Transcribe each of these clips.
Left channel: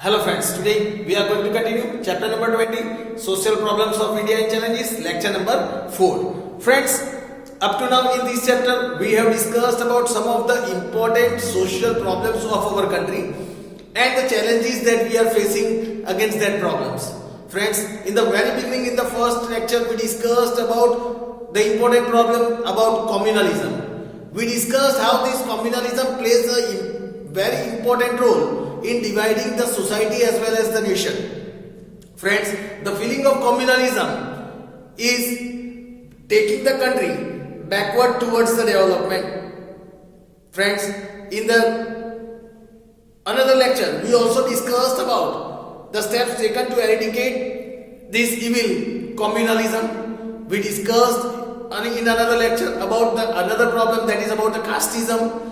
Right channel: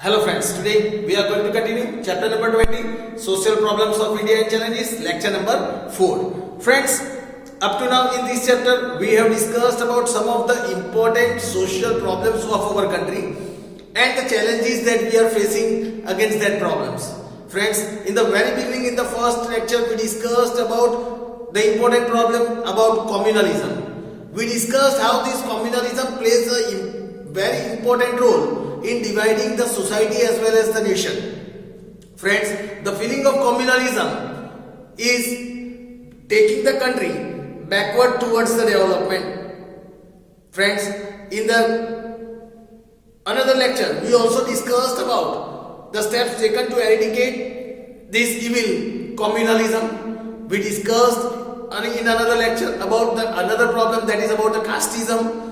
Hello friends, today we are going to continue chapter number 20, Social Problems of India and Challenges, lecture number 4. Friends, up to now in this chapter we have discussed about some of the important social problems of our country and the challenges that we are facing against that problems. Friends, in the very beginning in the first lecture we discussed about the important problem about communalism. We discussed how this communalism plays a very important role in dividing the society as well as the nation. Friends, the feeling of communalism is taking the country backward towards the development. Friends, in the another lecture we also discussed about the steps taken to eradicate this evil communalism. We discussed in another lecture about the another problem, that is about the casteism.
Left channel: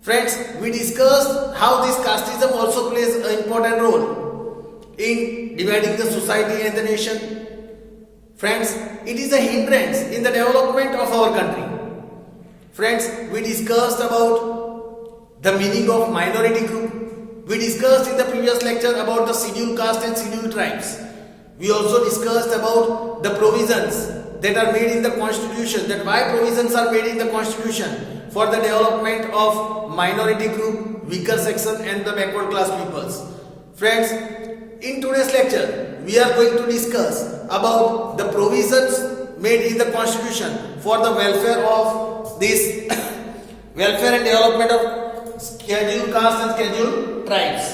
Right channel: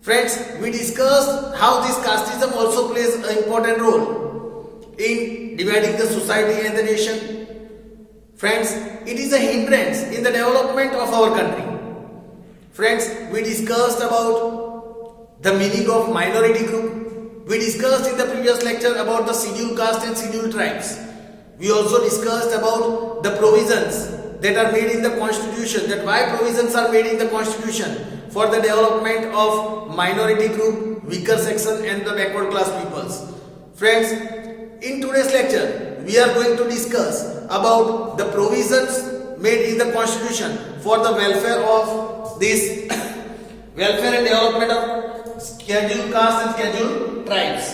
Friends, we discussed how this casteism also plays an important role in dividing the society and the nation. Friends, it is a hindrance in the development of our country. Friends, we discussed about the meaning of minority group. We discussed in the previous lecture about the scheduled caste and scheduled tribes. We also discussed about the provisions that are made in the constitution, that why provisions are made in the constitution for the development of minority group, weaker section and the backward class peoples. Friends, in today's lecture we are going to discuss about the provisions made in the constitution for the welfare of this welfare and development of scheduled caste and scheduled tribes.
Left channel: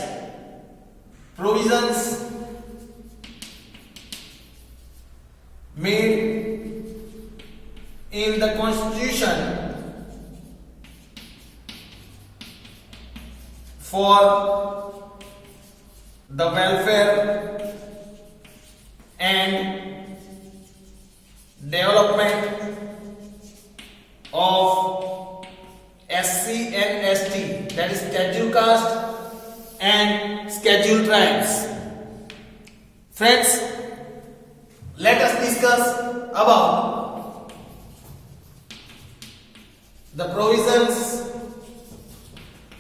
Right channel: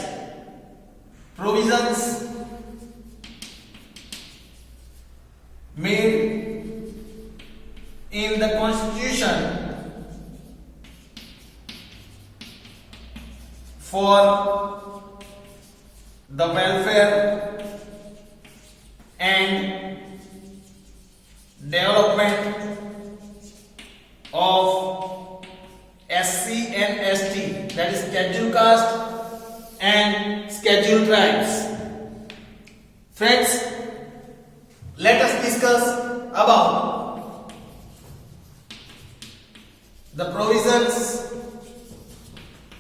Provisions made in the constitution for the welfare and development of SC and ST, that is scheduled caste and scheduled tribes. Friends, let us discuss about the provisions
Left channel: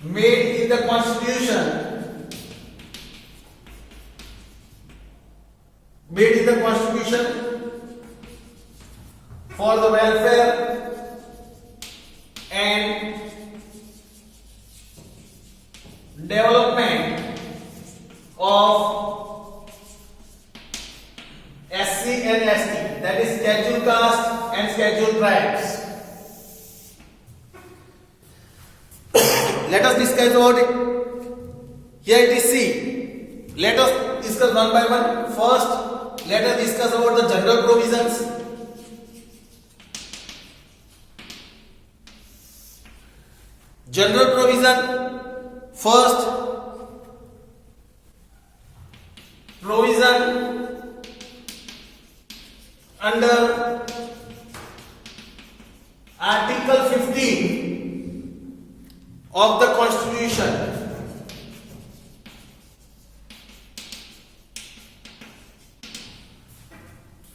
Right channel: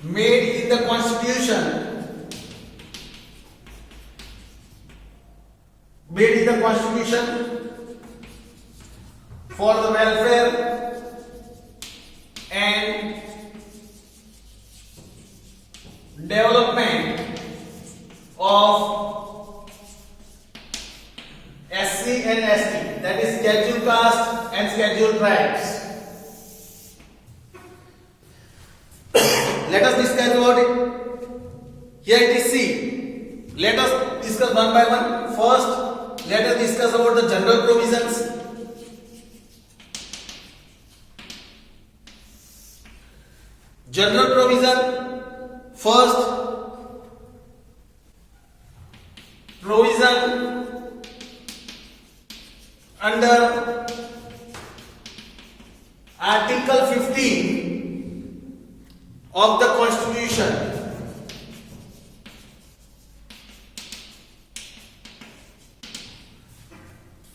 made in the constitution for the welfare and development of SC and ST, that is scheduled caste and scheduled tribes. Let us discuss about it. Here it is C. Let us discuss one by one. First, let us discuss about the general provisions. General provision. First, provision under Article 15 of the Constitution.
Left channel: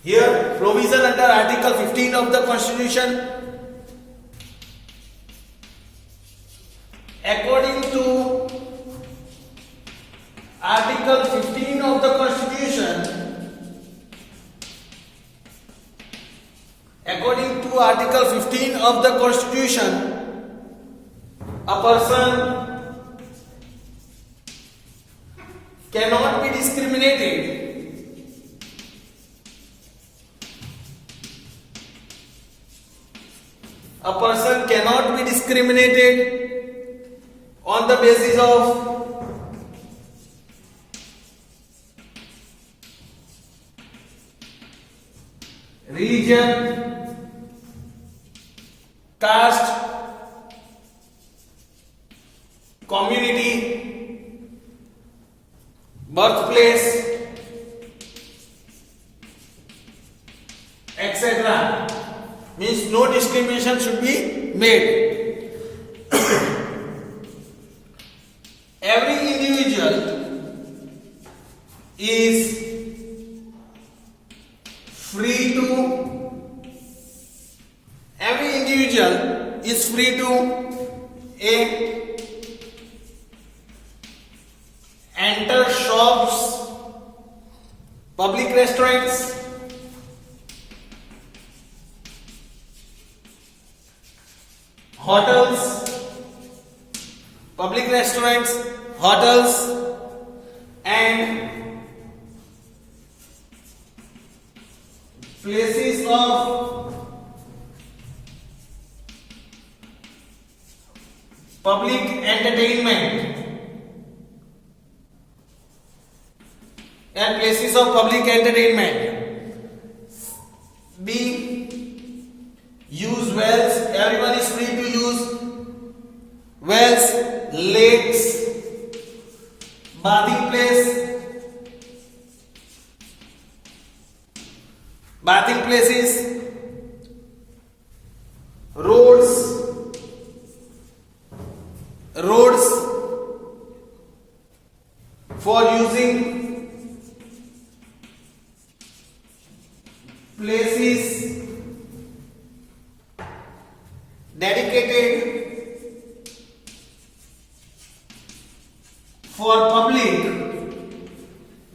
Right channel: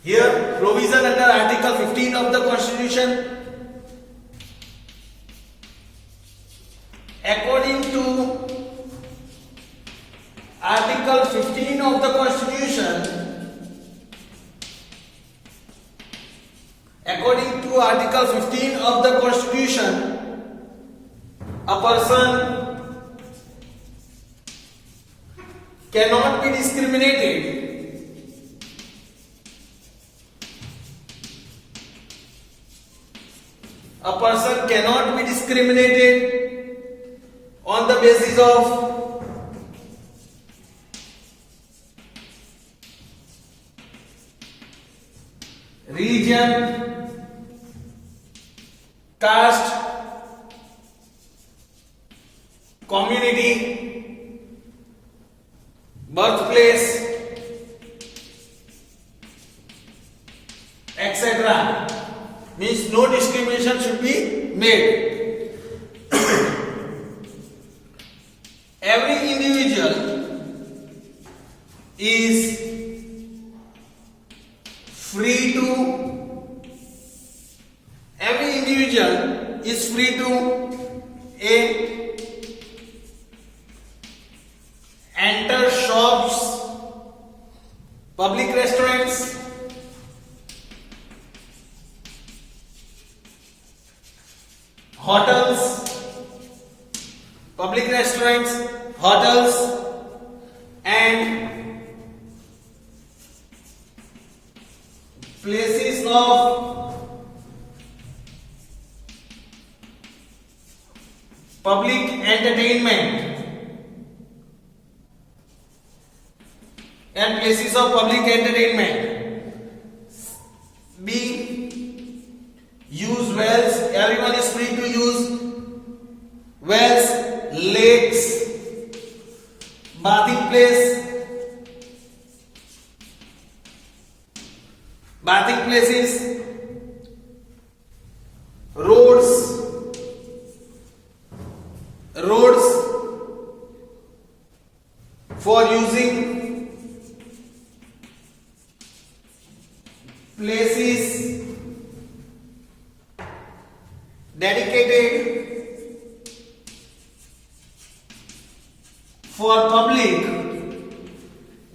Here, provision under Article 15 of the Constitution. According to Article 15 of the Constitution, according to Article 15 of the Constitution, a person cannot be discriminated on the basis of religion, caste, community, birthplace, etc. Means no discrimination should be made. Every individual is free to enter restaurants, hotels, public restaurants, hotels, and places of public entertainment and places of public entertainment. B. Use wells. Everyone is free to use wells, lakes, bathing places, roads for using, places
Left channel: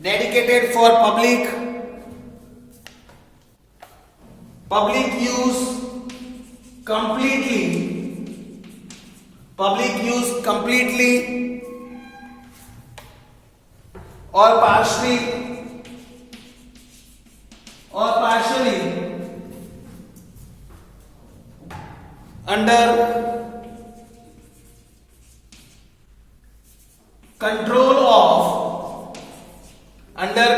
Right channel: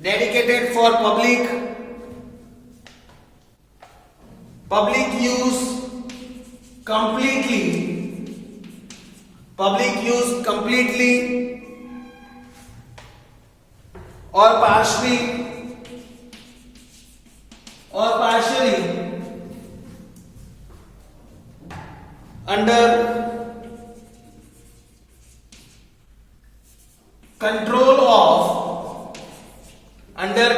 dedicated for public use completely or partially under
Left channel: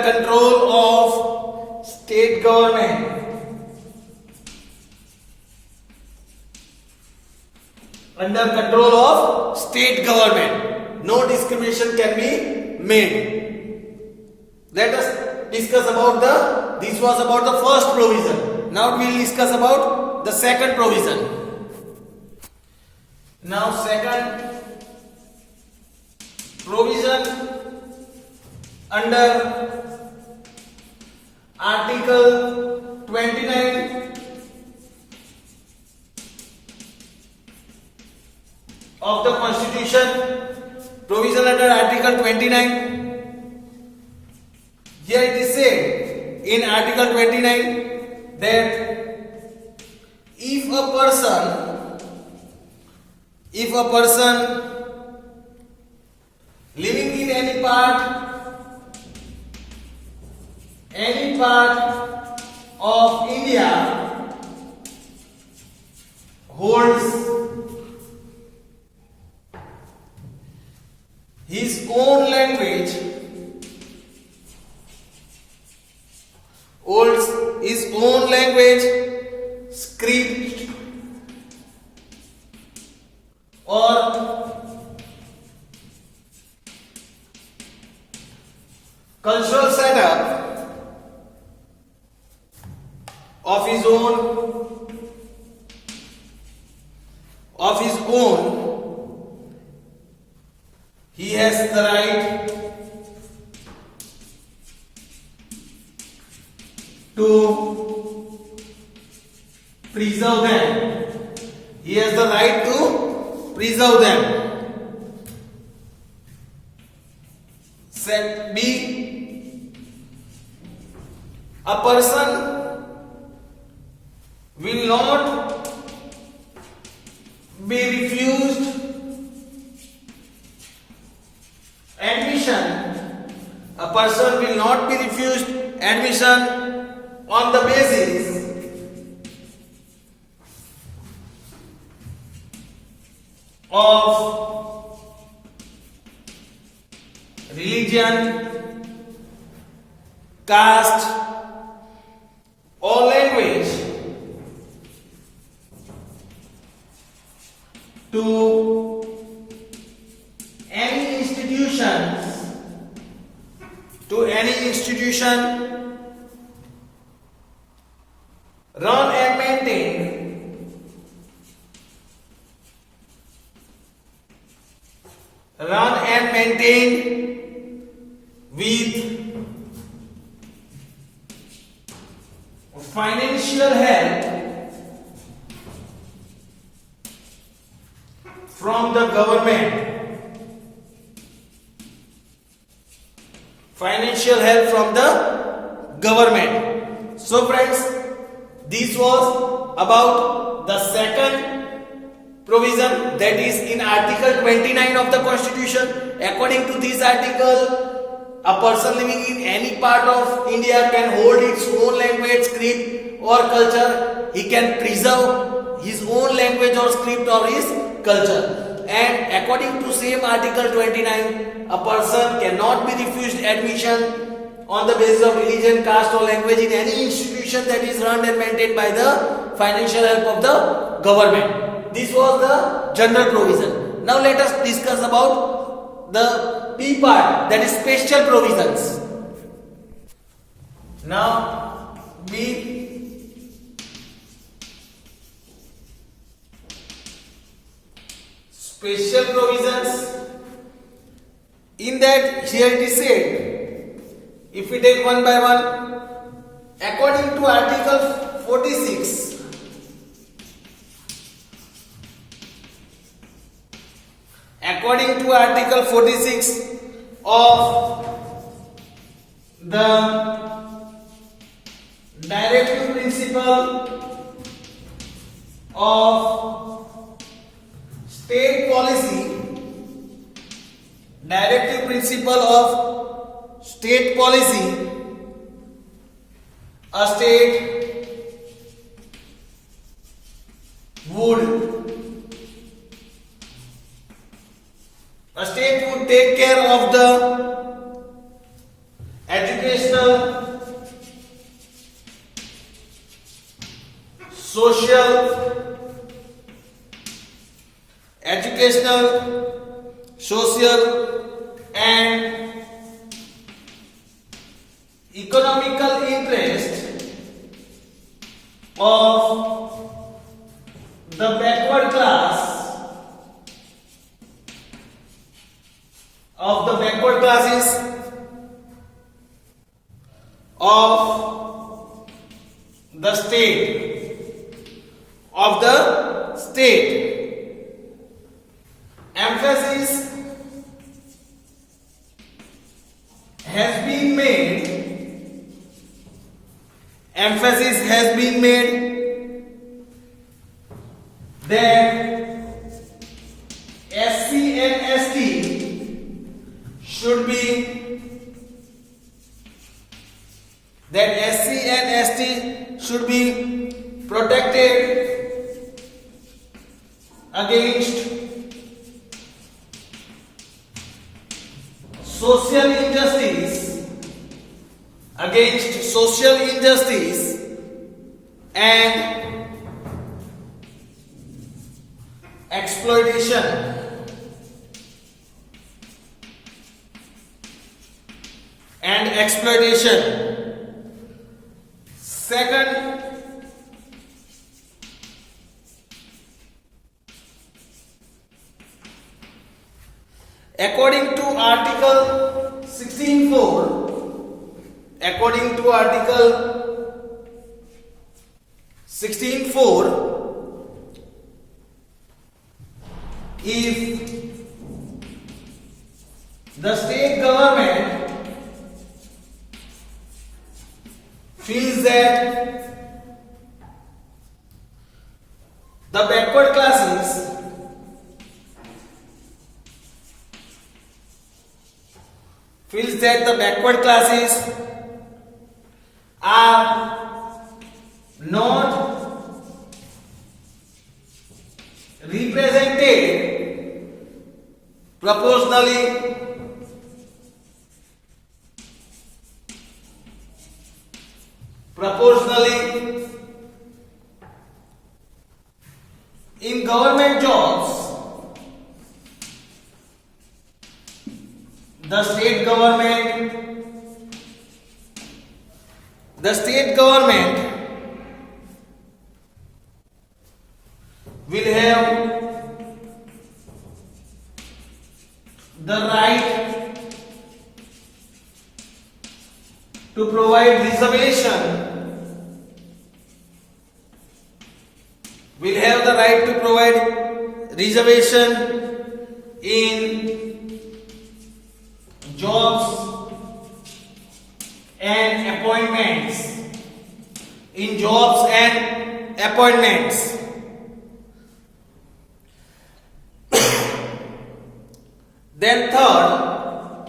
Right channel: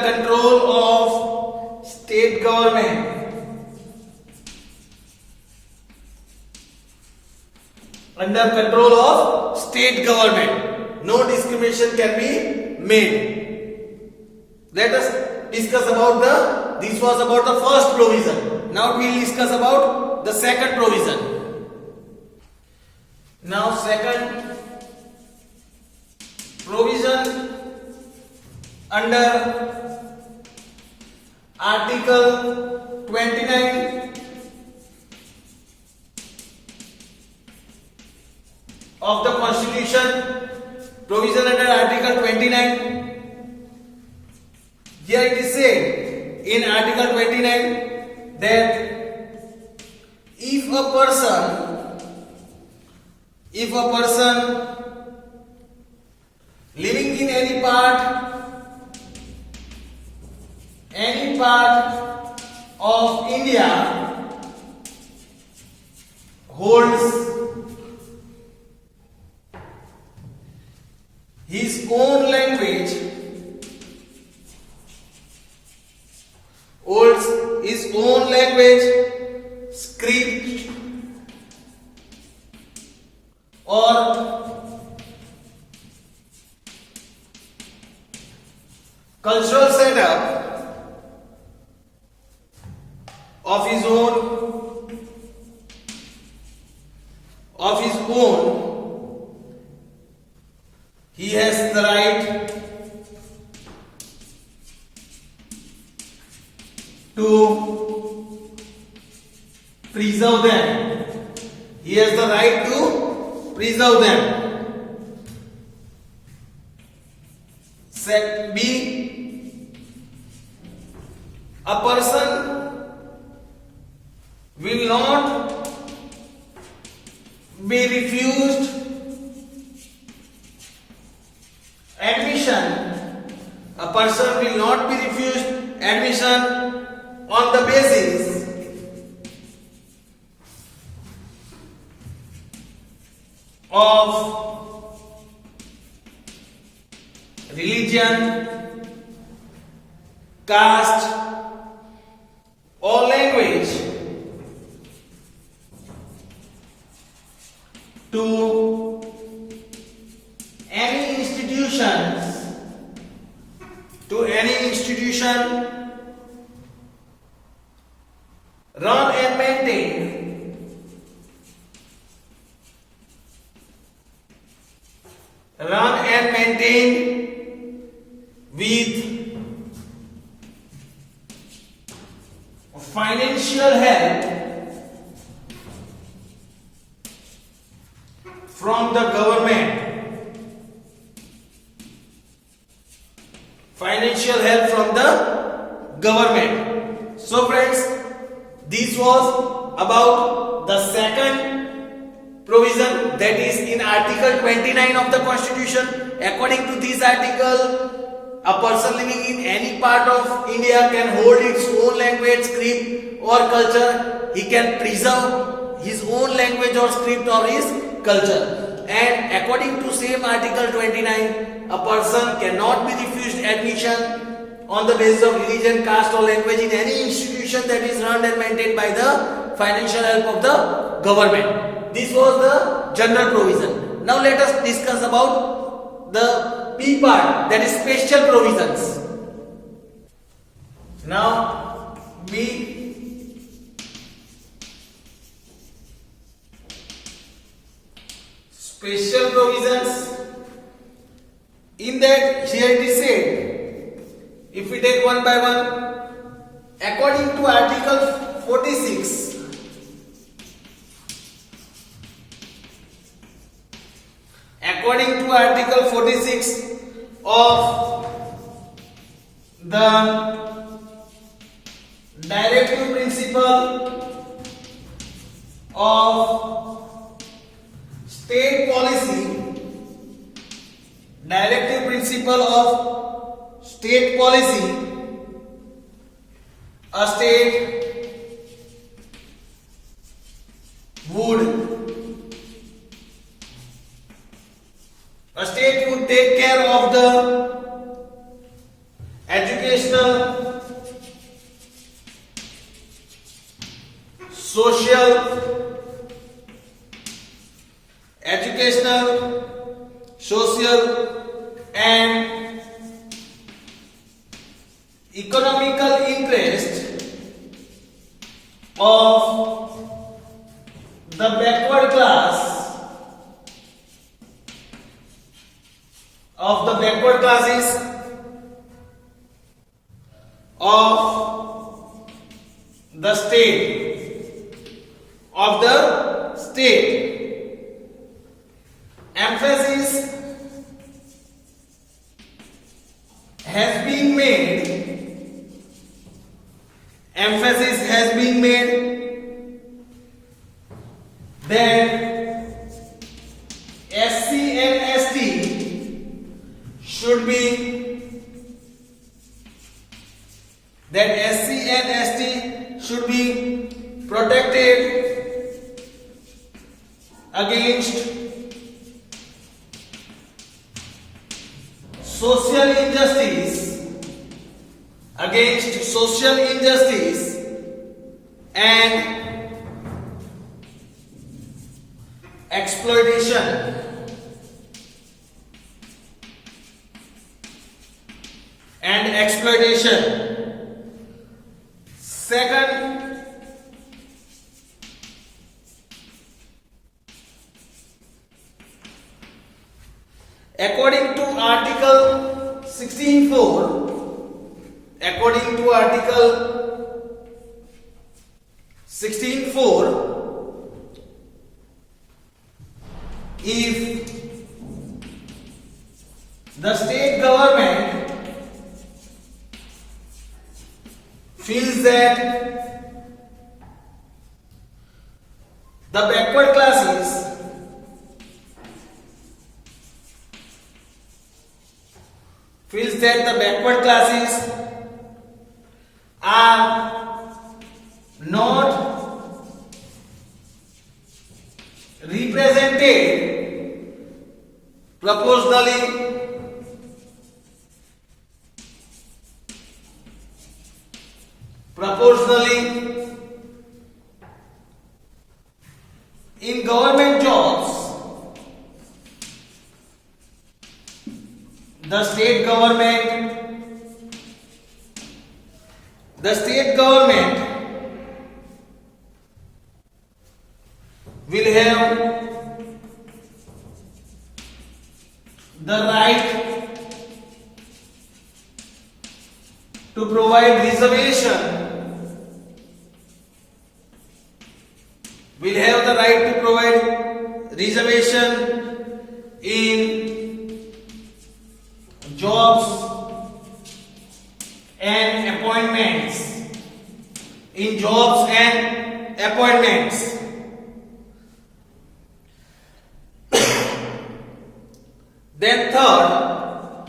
control of state government. Under control of state government, no discrimination can be made. Let us discuss about this was about the first provision. Now we will discuss about the second provision. Now second provision under Article 29 of the Constitution, provision under Article 29. Here it is said in Article 29 that if a person living in any part of India holds his own language, script, or cultural setup of his own, he has the right to preserve them. He has the right to preserve them. Set B. A person will not be refused admission. A person will not be refused admission on the basis of religion, caste, or language to any institution run and maintained with financial help from the government. Financial help from the government. So friends, this was about the second provision, that is in Article 29 of the Constitution. According to this article, a person living in any part of India can hold its own language, script or culture. He can preserve his own language or script or his culture. And according to same Article 29, a person cannot be refused admission on the basis of religion, caste or language in any institution that is run and maintained by the financial help of the government. This was the general provision. Now let us discuss about the P part, that is special provisions. Now B. Special provisions. In that, here it is said, if we take one by one, according to Article 46, according to Article 46 of the Directive Principle of State Policy, Directive Principle of State Policy, a state would take care of the educational, social, and economical interest of the backward class, classes of the state. Emphasis has been made that SC and ST should be protected against social injustice and exploitation. Second, according to Article 16(4), if the state government feels that the backward classes are not represented proportionally in government jobs, the state government will have the right to provide reservation, in jobs and appointments in jobs and appointments. Then third,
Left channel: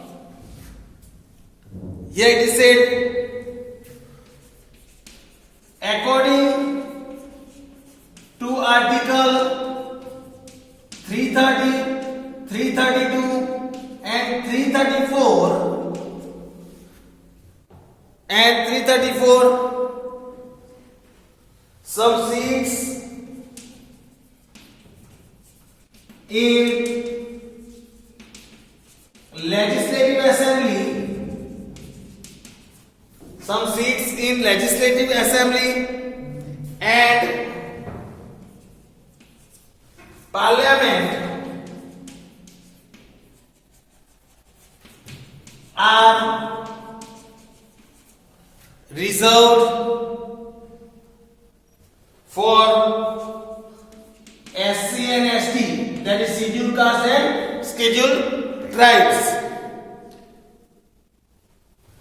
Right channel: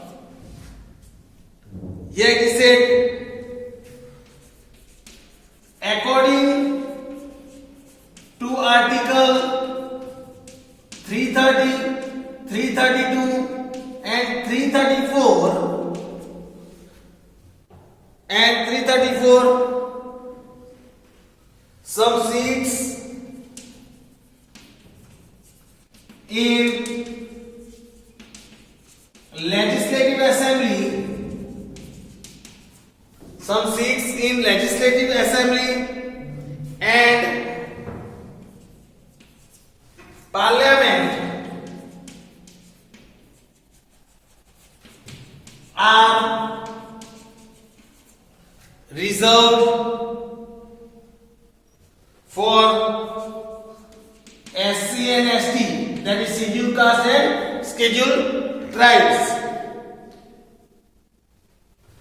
here it is said, according to Article 330, 332 and 334, some seats in Legislative Assembly, some seats in Legislative Assembly and Parliament are reserved for SC and ST, that is scheduled caste and scheduled tribes.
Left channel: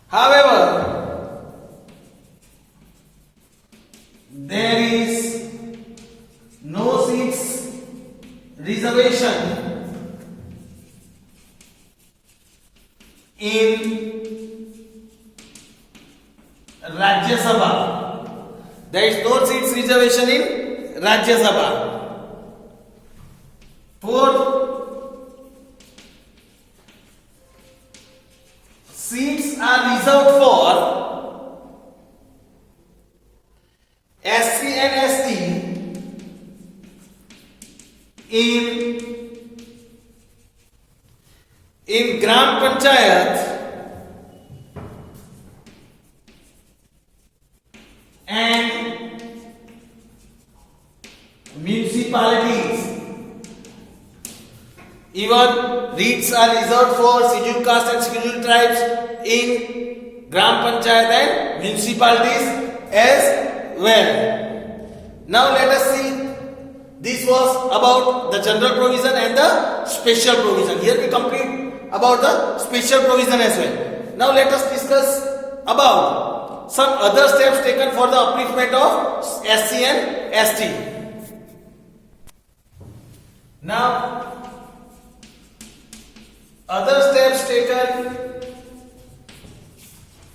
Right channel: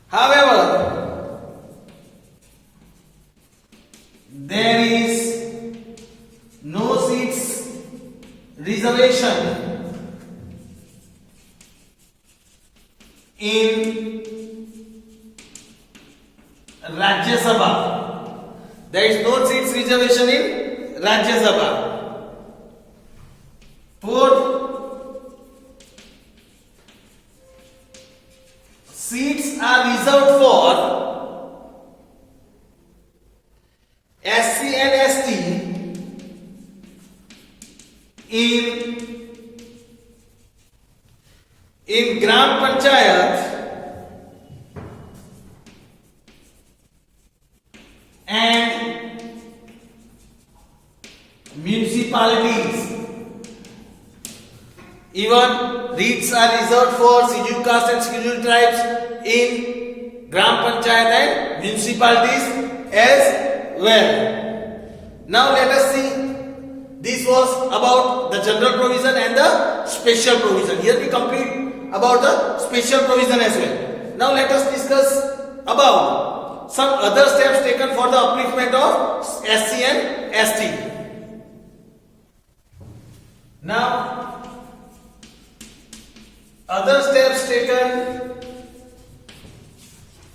However, there is no seats reservation in Rajya Sabha. There is no seats reservation in Rajya Sabha. Fourth, seats are reserved for SC and ST in Gram Panchayat and municipalities. Even seats are reserved for scheduled caste and scheduled tribes in Gram Panchayat and municipalities as well. Now let us see. This was about the general provision and the special provision. Here we complete about the special provision as well. Now let us discuss about some other steps taken for the upliftment of SC and ST. Now, other steps taken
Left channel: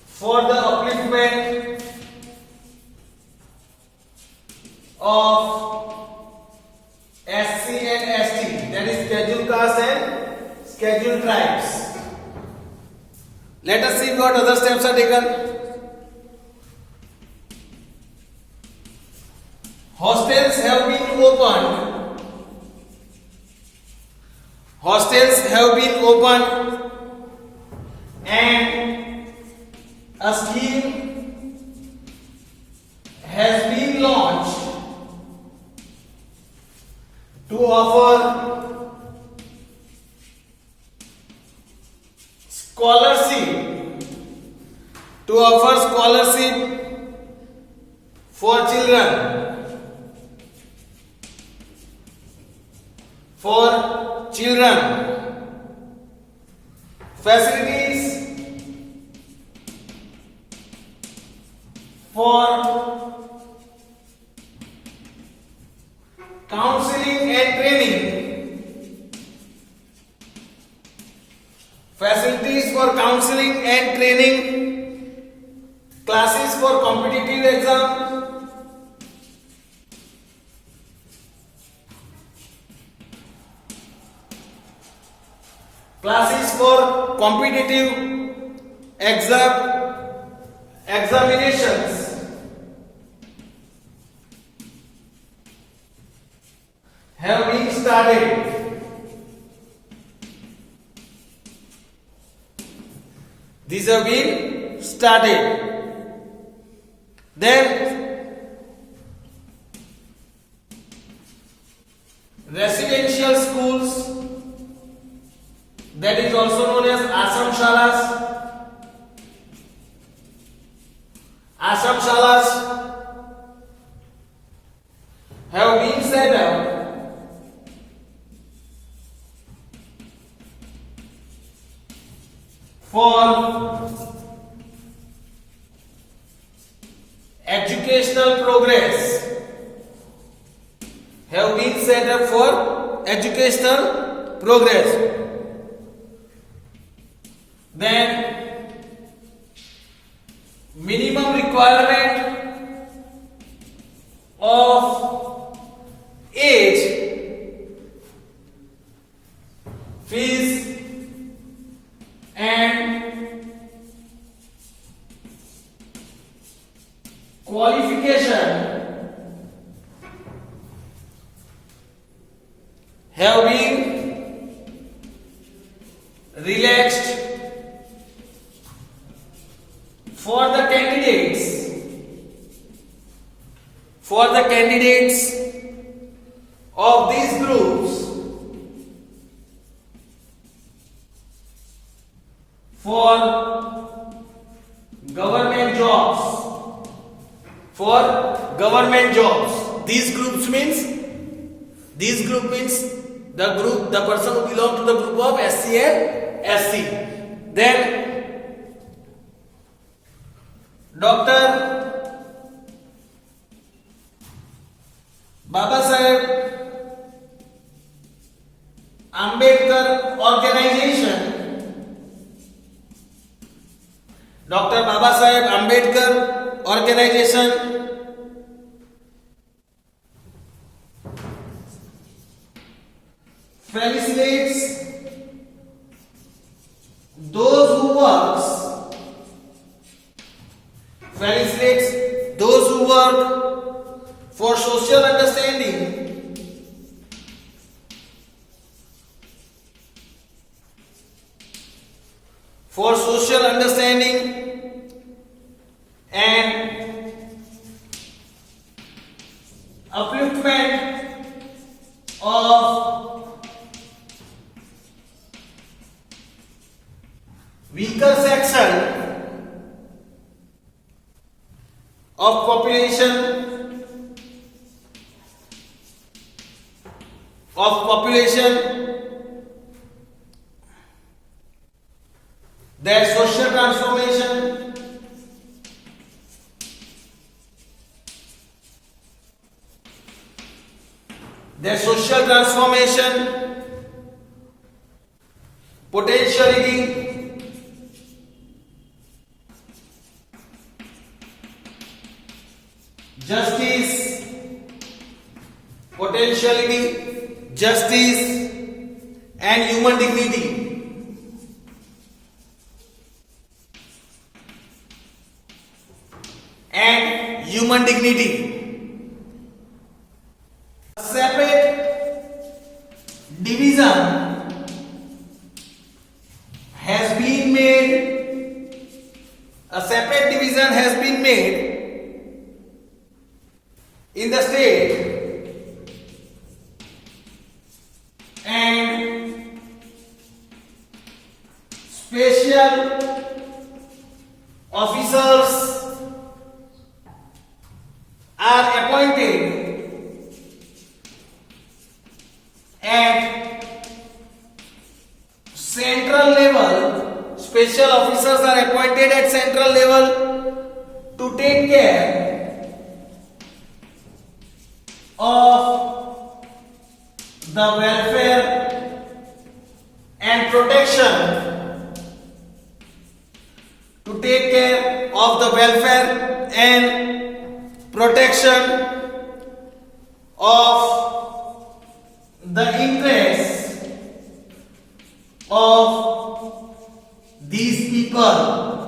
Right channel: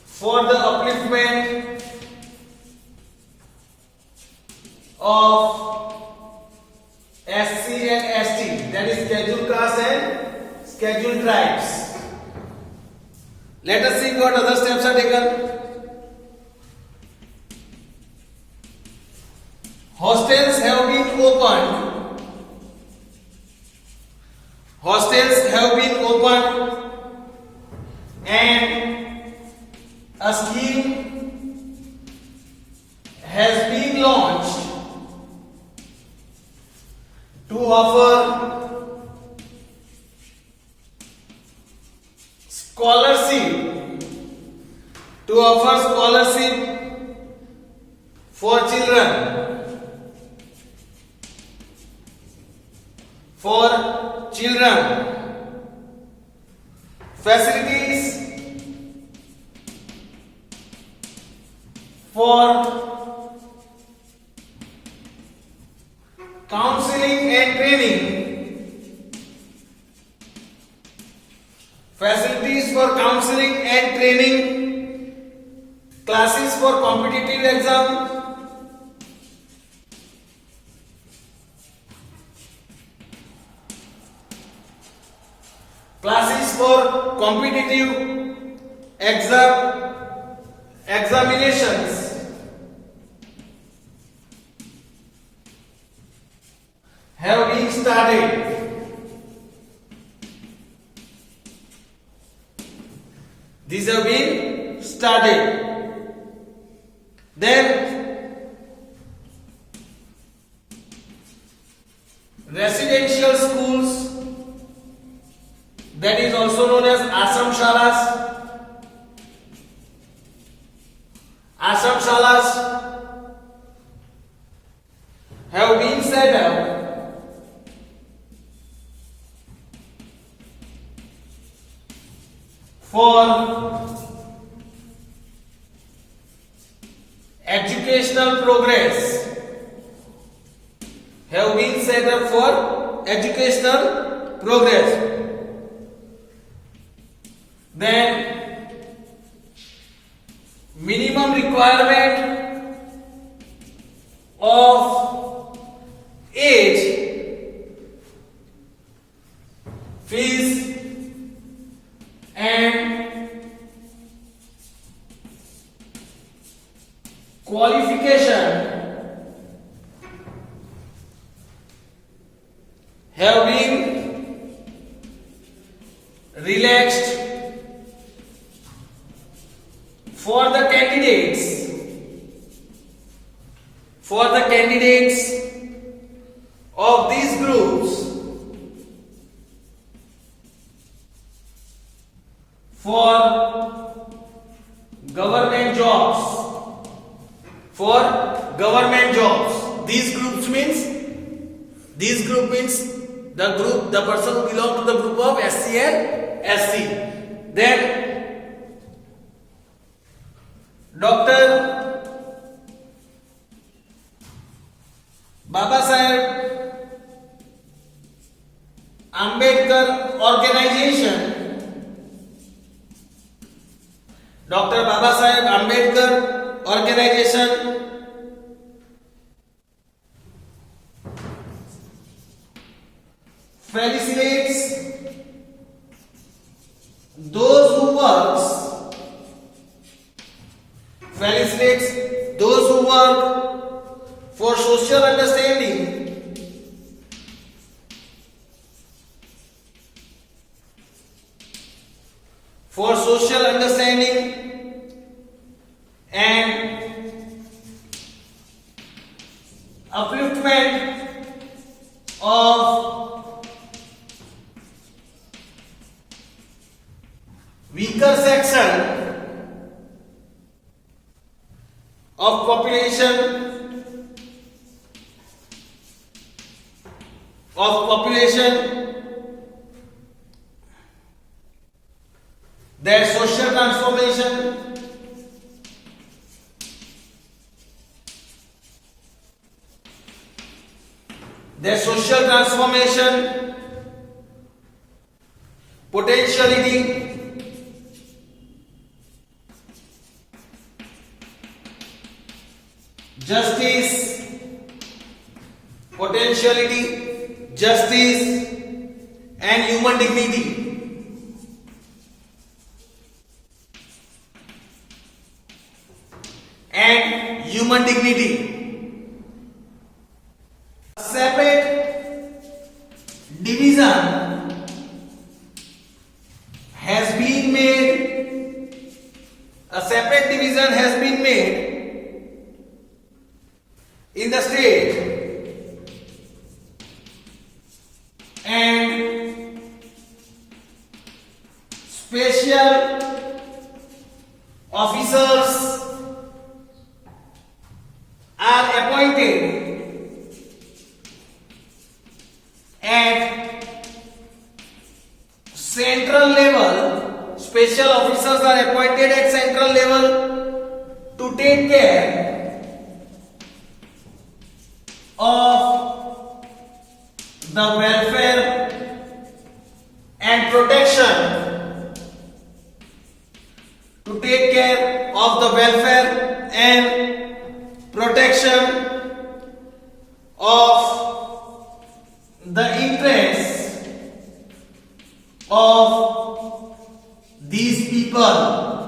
for the upliftment of SC and ST, that is scheduled caste and scheduled tribes. Let us see what other steps are taken. Hostels have been opened. Hostels have been opened and a scheme has been launched to offer scholarship for children, facilities for counseling and training, facilities for counseling and training, classes for competitive exam, classes for competitive examinations, have been started. These have been started. Then residential schools, that is also known as Ashram Shalas have been set up for educational progress, have been set up for educational progress. Then minimum requirement of age, fees and qualification have been relaxed for the candidates of these groups for government jobs. These groups means the person who belong to the group of SC and SC. Then Dr. Babasaheb Ambedkar organization, Dr. Babasaheb Ambedkar organization felicitates those who work for social understanding and upliftment of weaker section of population their social transformation potentiality justice and human dignity. Separate division has been made. A separate division has been made in the state, and special officers are appointed at central level. Special officers are appointed at central level to take care of the welfare and protection of the interests of these people.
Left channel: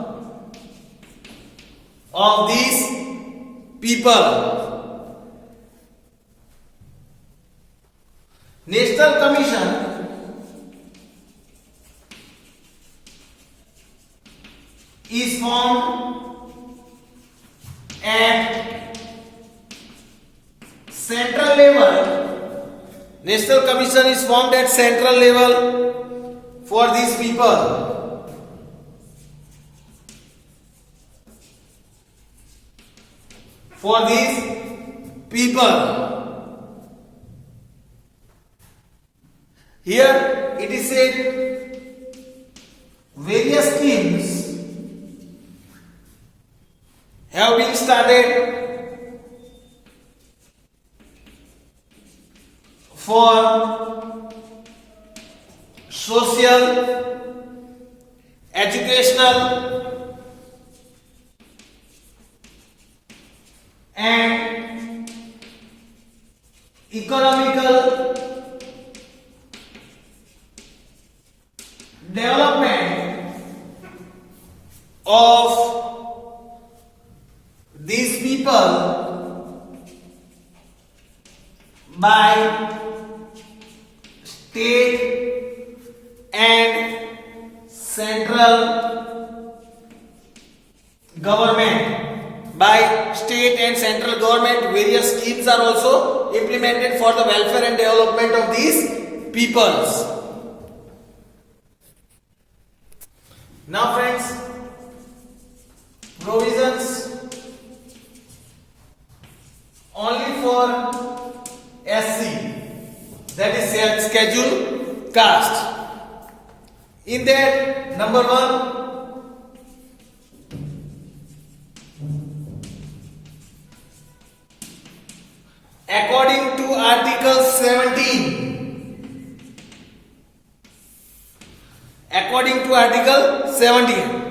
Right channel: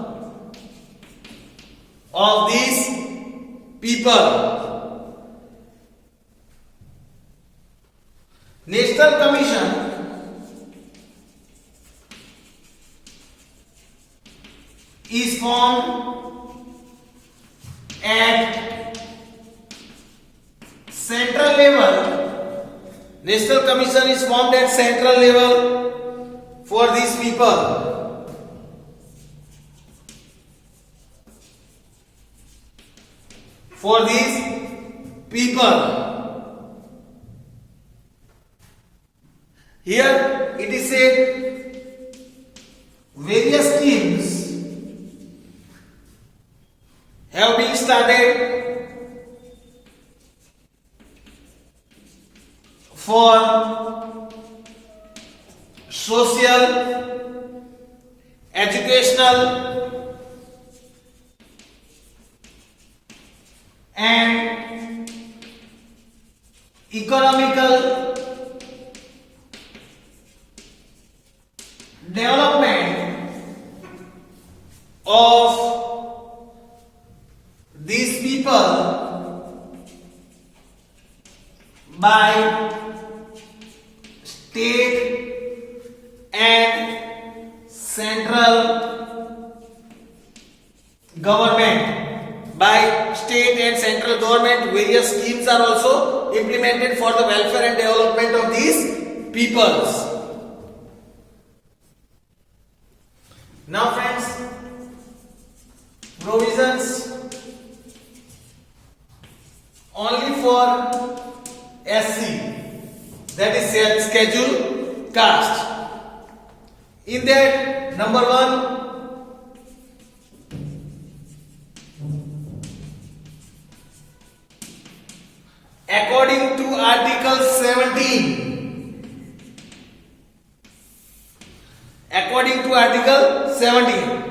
National Commission is formed at central level. National Commission is formed at central level for these people. Here it is said various schemes have been started started for social, educational and economical development of these people by state and central government. By state and central government, various schemes are also implemented for the welfare and development of these peoples. Now friends, provisions only for SC, that is schedule caste. In that, number 1, according to Article 17, according to Article 17,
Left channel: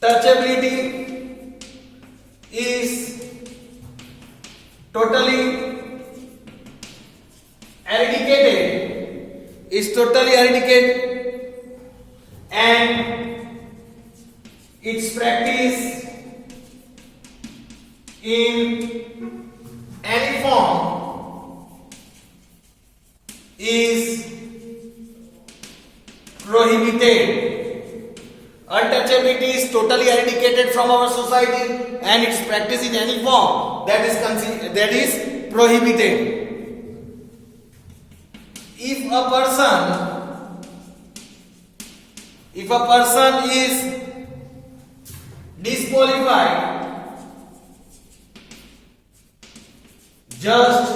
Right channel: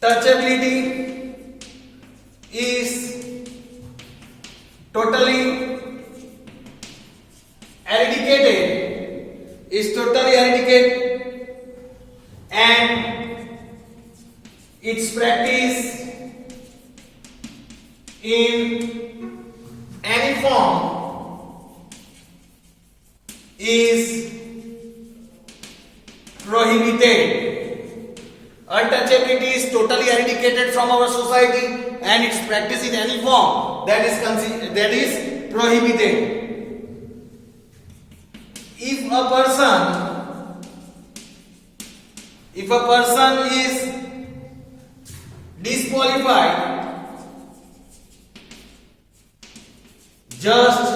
untouchability is totally eradicated, and its practice in any form is prohibited. Untouchability is totally eradicated from our society, and its practice in any form that is prohibited. If a person is disqualified just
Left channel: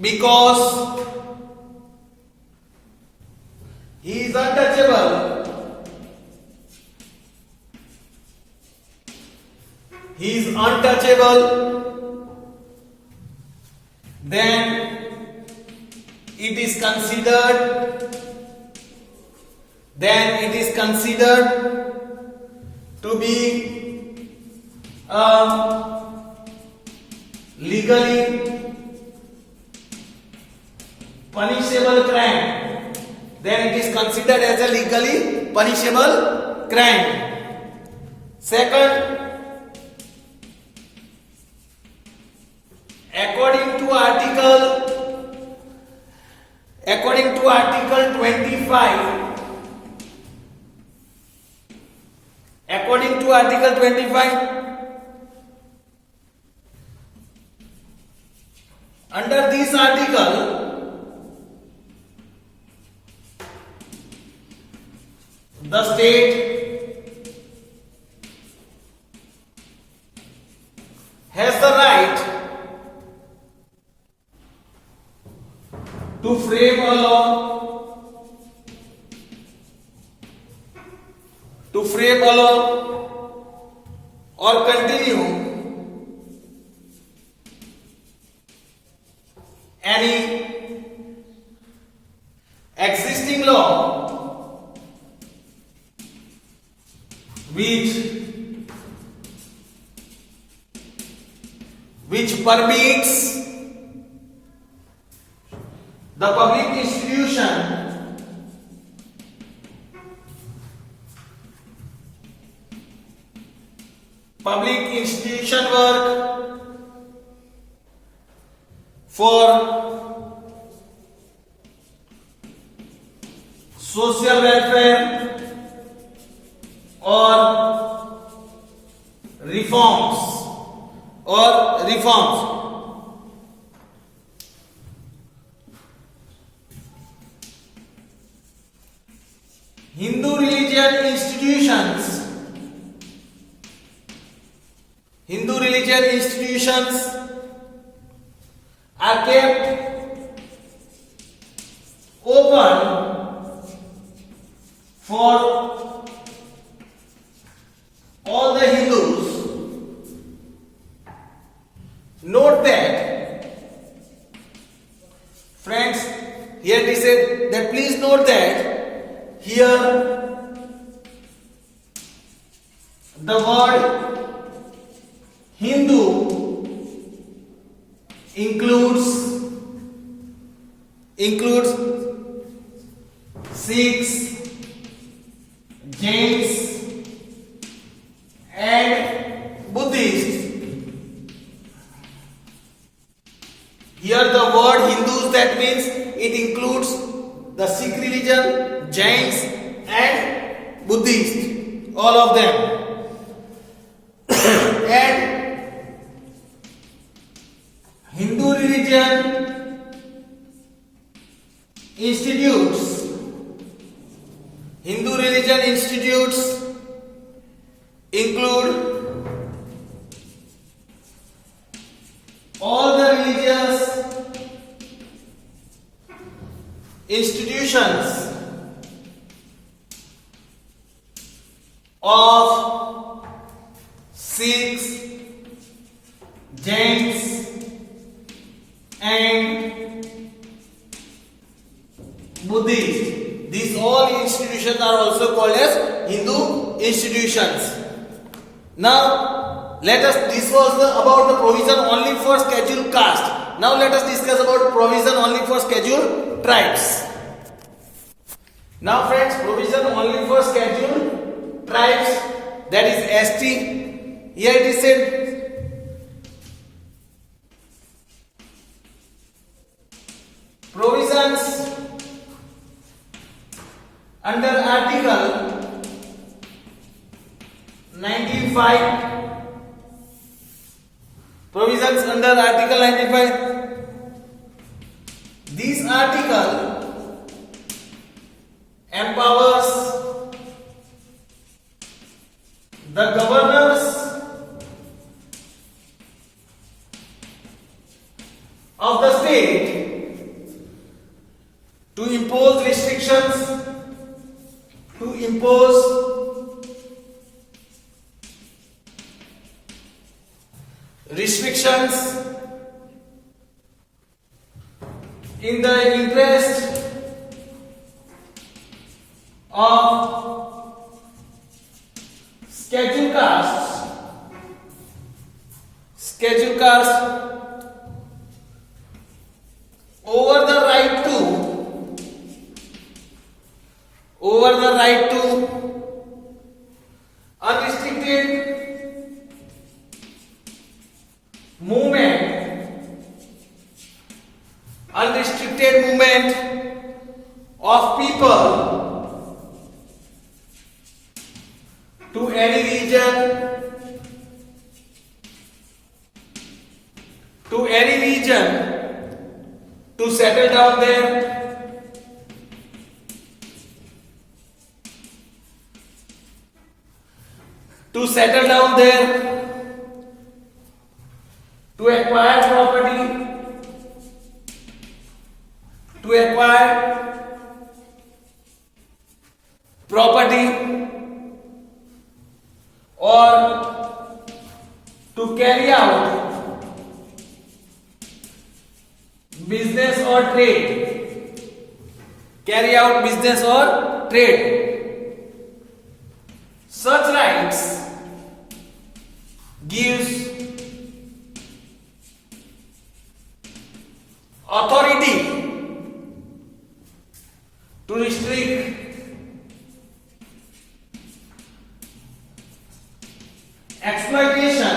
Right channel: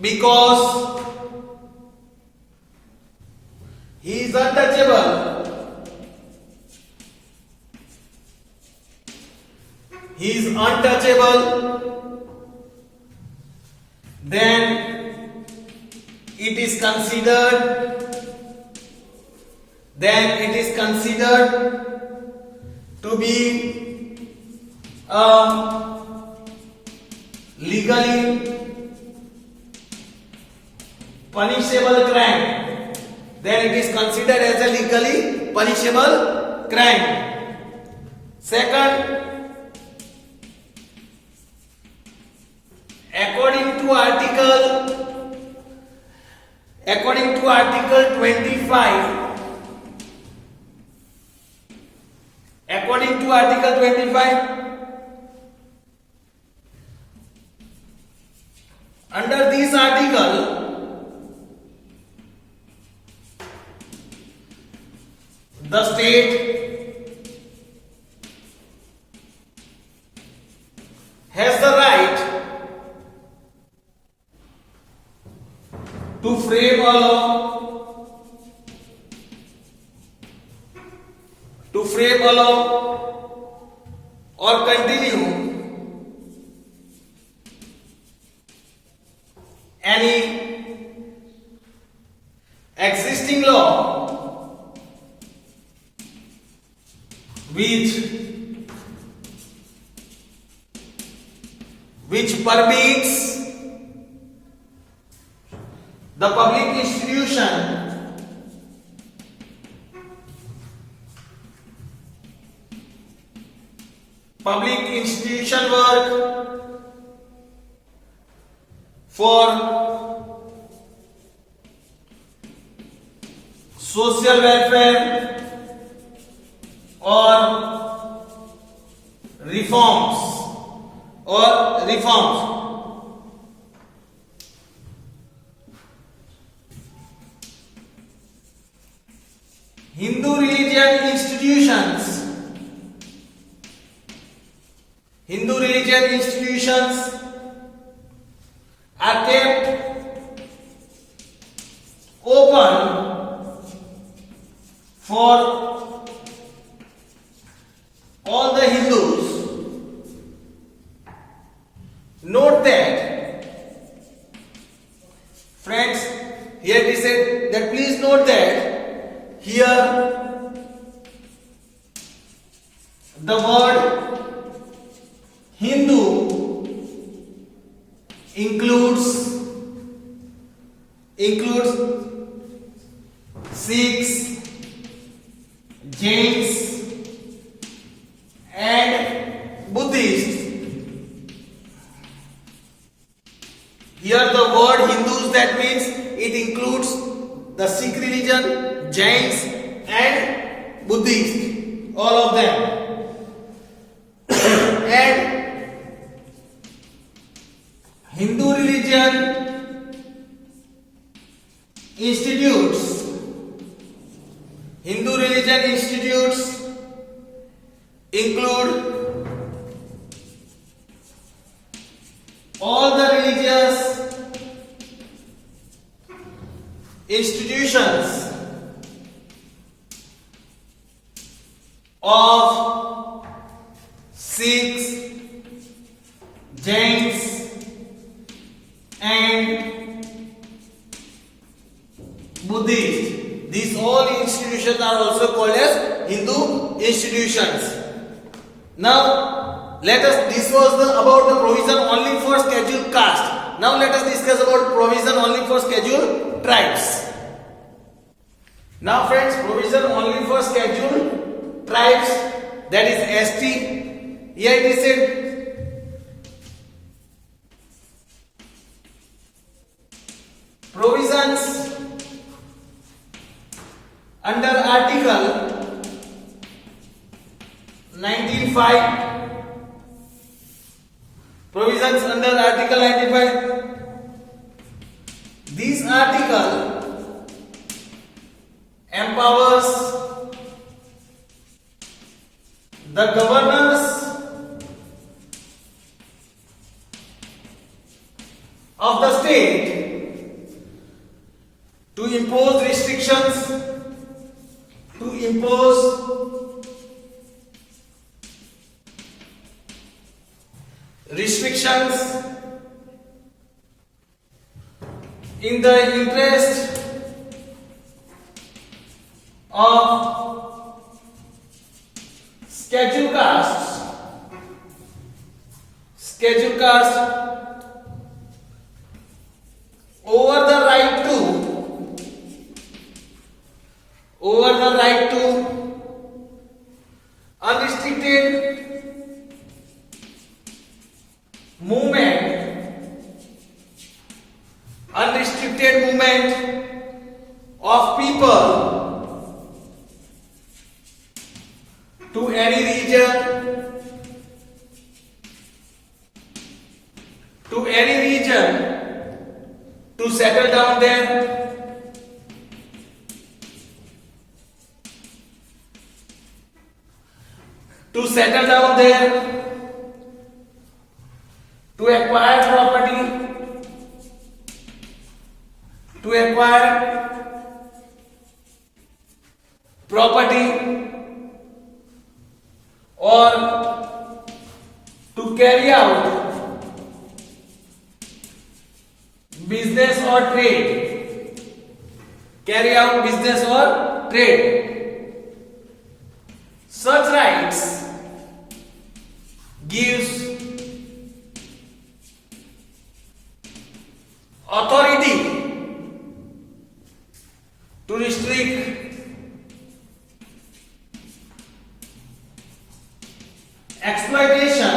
because he is untouchable, then it is considered to be a legally punishable crime. Then it is considered as a legally punishable crime. Second, according to Article 25, under this article, the state has the right to frame a law, or continue any existing law which permits the public institution work for social welfare or reforms. Hindu religious institutions are kept one for all the Hindus. Note that, friends, here we said that please note that here the word Hindu includes Sikhs, Jains and Buddhists. Here the word Hindus, that means it includes the Sikh religion, Jains and Buddhists, all of them. And Hindu religion institutes include all the religious institutions of Sikhs, Jains and Buddhists. These all institutions are also called as Hindu institutions. Now, this was about the provision only for scheduled caste. Now let us discuss about provision only for scheduled tribes. Now friends, provision only for scheduled tribes, that is ST. Here it is said, provisions under Article 95. Provisions under Article 95. This article empowers the governors of the state to impose restrictions, in the interest of scheduled castes over the right to unrestricted movement of people to any region to settle down there, to acquire property or to carry out business or trade. Such rights gives authority to restrict exploitation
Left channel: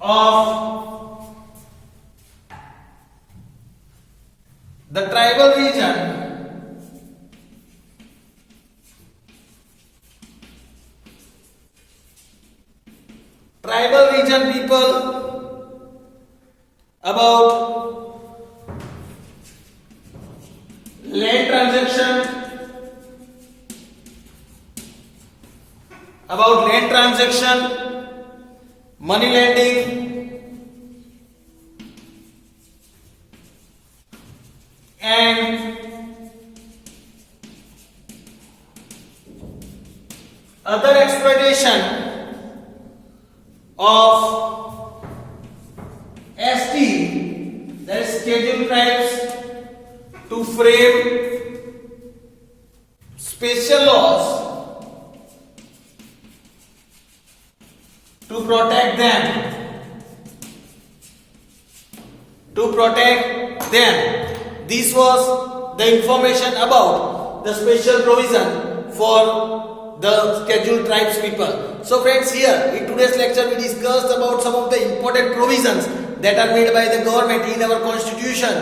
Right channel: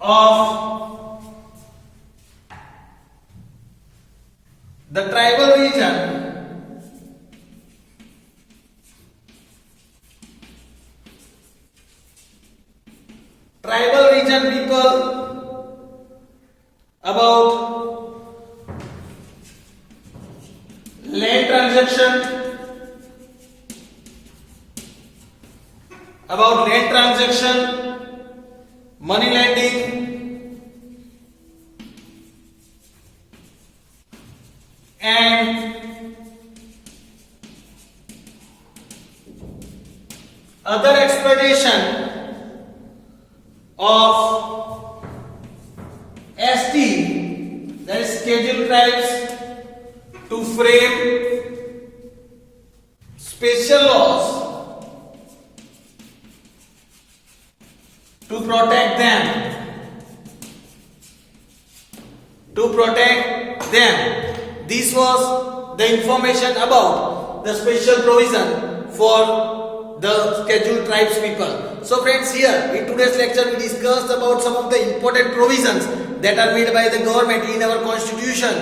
of the tribal region people about land transaction, money lending and other exploitation of ST, that is scheduled tribes, to frame special laws to protect them. This was the information about the special provision for the scheduled tribes people. So friends, here in today's lecture we discussed about some of the important provisions that are made by the government in our constitution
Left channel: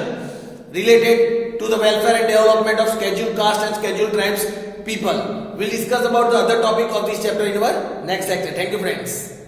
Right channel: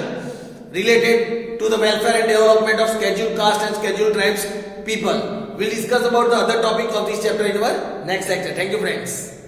related to the welfare and development of scheduled caste and scheduled tribes people. We'll discuss about the other topic of this chapter in our next lecture. Thank you friends.